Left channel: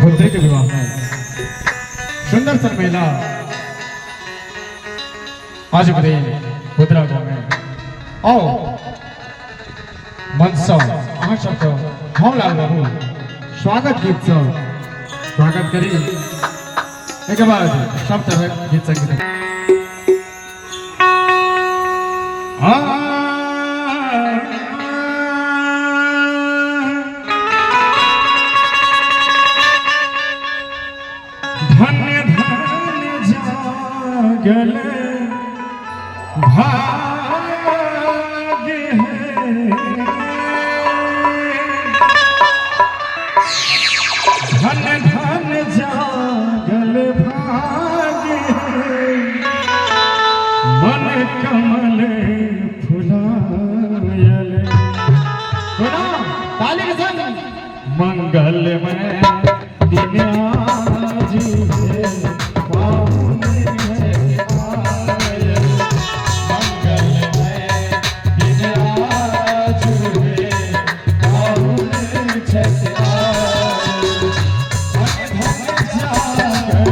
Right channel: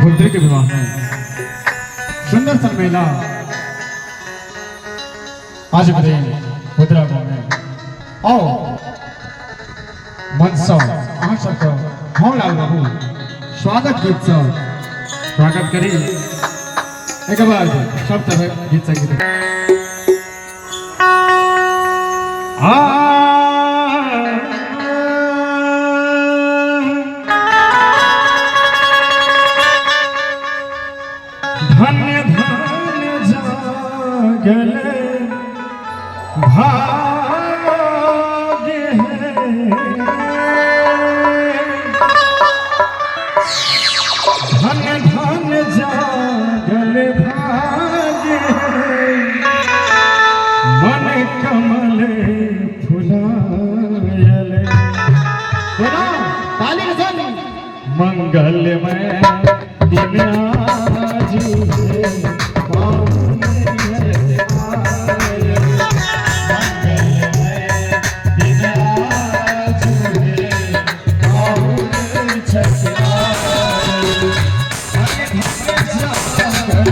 पुत्री के विवाह में सुंदर सा मेला आज बड़े पुत्रा गाँव में आओ मनसा अहाँ सबके हम लाल बाबू स्वागत गीत से स्वागत करी एक बाद सब तरह गीत संगीत धन्य धन्य जागल भाग्य है धन्य धन्य जागल भाग्य है मन कमल फुलायल सुना ताली के साथ मंगलमय दिन आज है पावन है आए मंगलमय दिन आज है पावन छठ आए धन्य जागल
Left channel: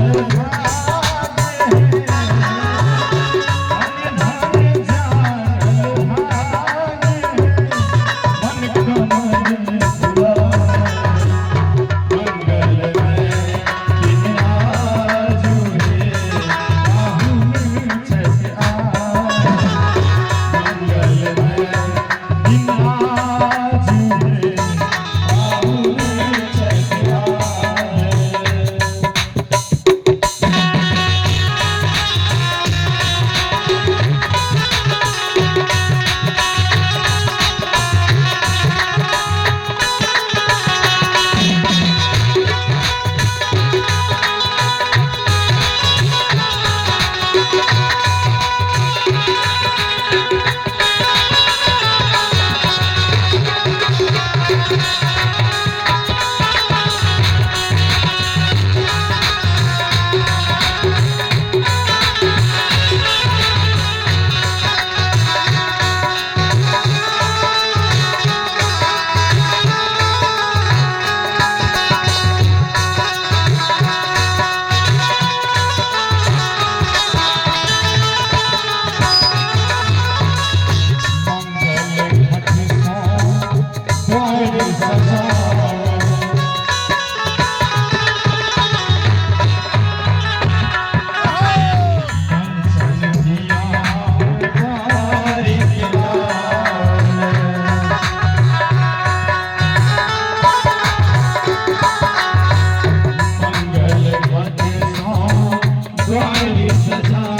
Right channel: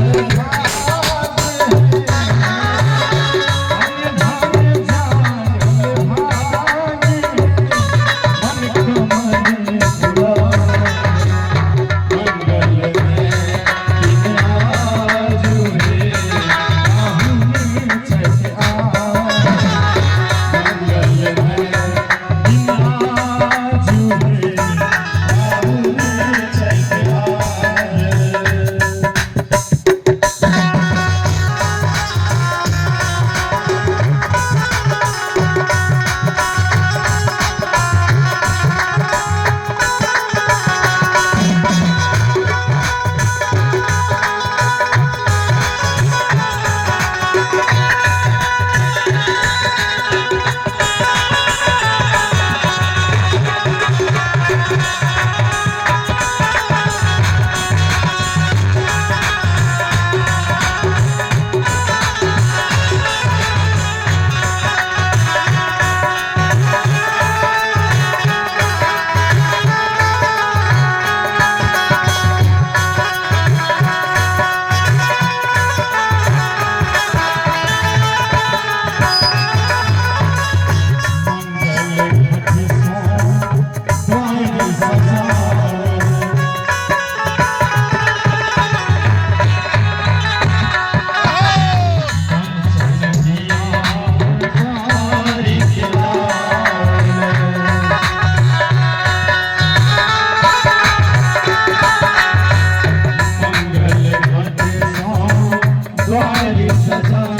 Swathi Saja